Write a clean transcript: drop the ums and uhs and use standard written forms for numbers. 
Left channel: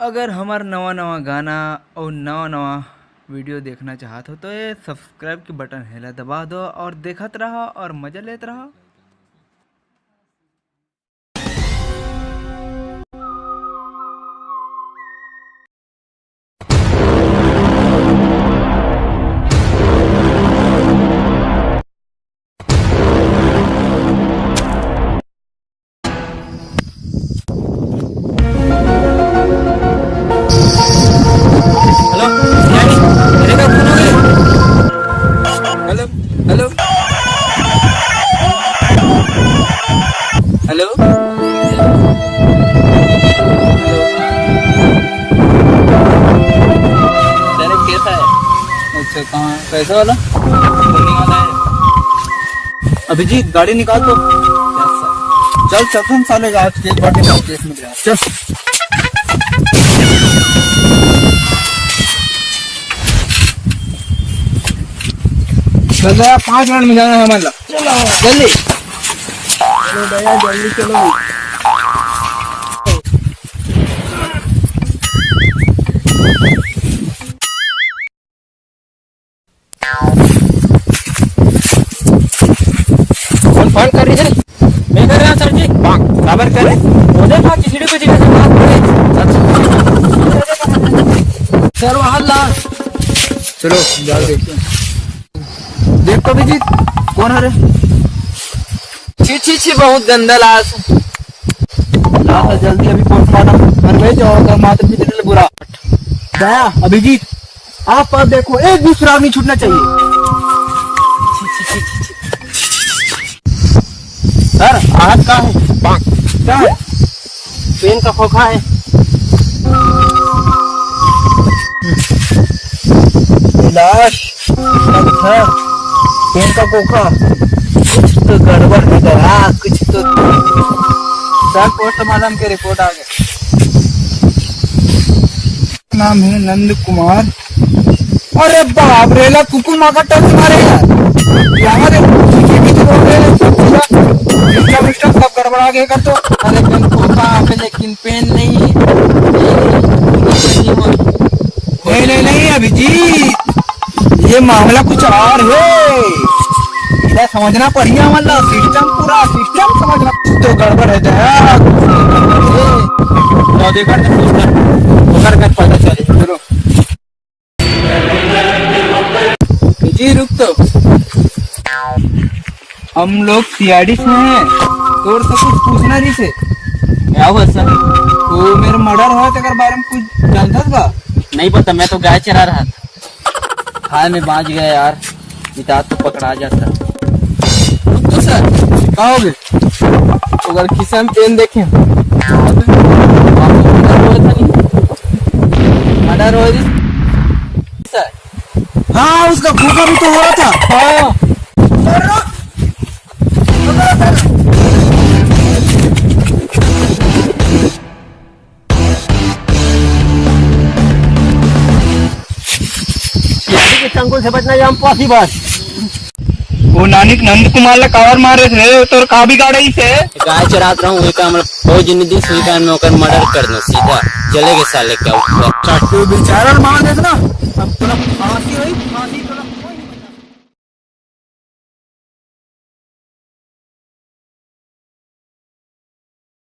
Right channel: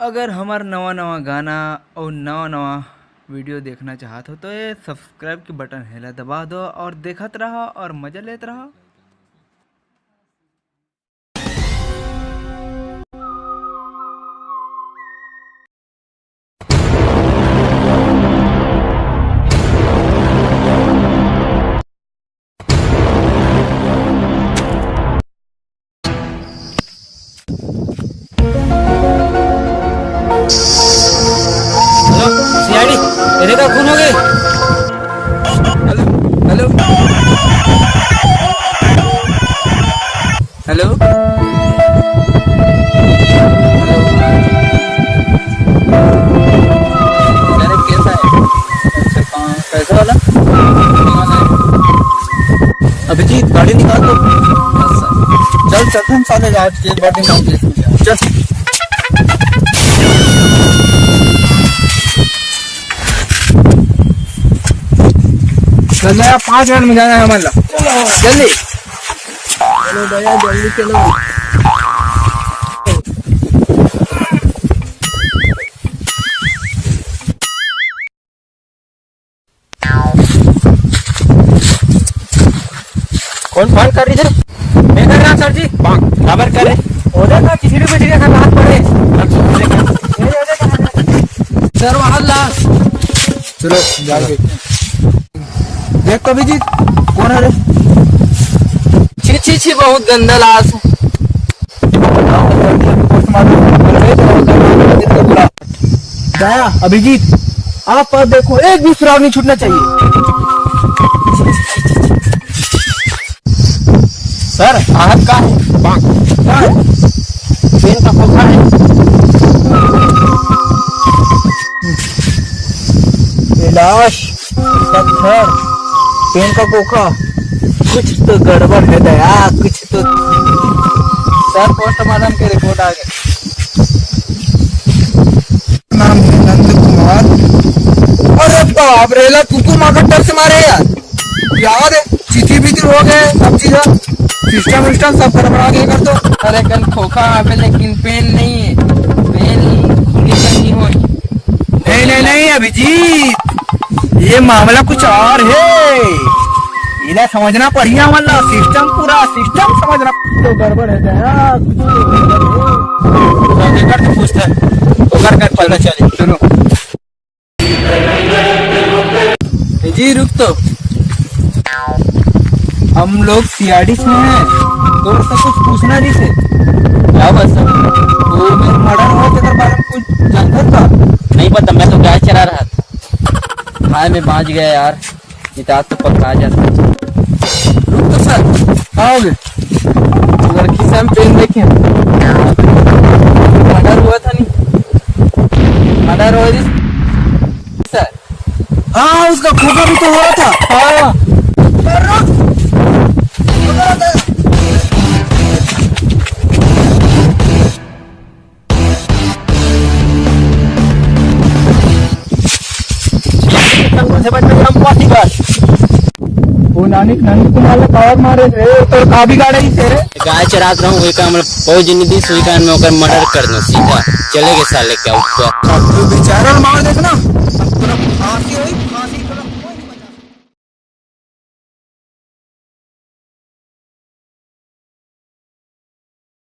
अगर हमार नवा नवा गाना और नवा नवा वीडियो देखना चाहत हो तो ये सब्सक्राइब के बटन है दबा दो और देखत रहो और मजा लेते रहो। हेलो सियाड़ी, मेरे का खून हो गए। हेलो हेलो हेलो अरे कैसा है? अच्छा कहाँ पैसा वाला अभिजीत गाड़ी निकाल दो। चल चल हम साले जाए बर्थडे में चल। चल 5 मिनट में जाना है हमारा। जल्दी चलो भैया जल्दी चलो। कौन फोन कर रही है? मैं कर रहा सर जी। खबर करे उधर का चिड़ी पे चिड़ी का हाथ पड़े। सर वहां ला चलो जाओ देखिए। देख तो जी कौन है रे? छी छी छी बहुत गंदा लाश है। जल्दी अभी पोस्टमार्टम कर रहे तो बुरा दया अभिजीत आप पर देखो एक भी सुराग नहीं छूटना चाहिए। सर आहत कहाँ है? क्या है? चेन का खोखा है। लाश पेन का कोखा कुछ तो गड़बड़ है दया कुछ तो। सर पोस्टमार्टम की रिपोर्ट आ गई। नाम है नंद कुमार। अरे बाप रेला कुकू माँ का टल से मारे यार चीची भी हो गए सब चीज सिस्टम विस्टम सब गड़बड़ा के कर दो। अरे गन खोखा पे लेकिन पेन नहीं है। नहीं नहीं नहीं अभिजीत ये मामला कुछ और है। इधर समझना पड़िया वाला सिस्टम पूरा सिस्टम समझना तो गड़बड़ है दया। कर पता चले सुनो जी रुक तो हम लोग सीआरडी से हैं तो सब कुछ पूछना नहीं से क्या बस वो मेरे मर्डर हुआ तेरे बारे में कुछ जानता था? नहीं पता मैं तो गाय चरा रहा था। हाय मैं बाज गया यार इतना तो पकड़ा जाता। रुक तो सर कहाँ हो गए? अगर किसी हम पेन देखें मर्डर हुआ था नहीं मर्डर हुआ सर। हाँ उसका खोखा भी तो हुआ था। हाँ से बचना पॉसिबल। वो नानिक नंद कुमार ने कवर मारे थे तो का भी गाड़ी से गाय चरात रहा हूँ बहुत जिंदगी सुई कान में होकर मर्डर कर दो सीधा चलेगे साले क्या बेचारा मार देखना अब फांसी हुई।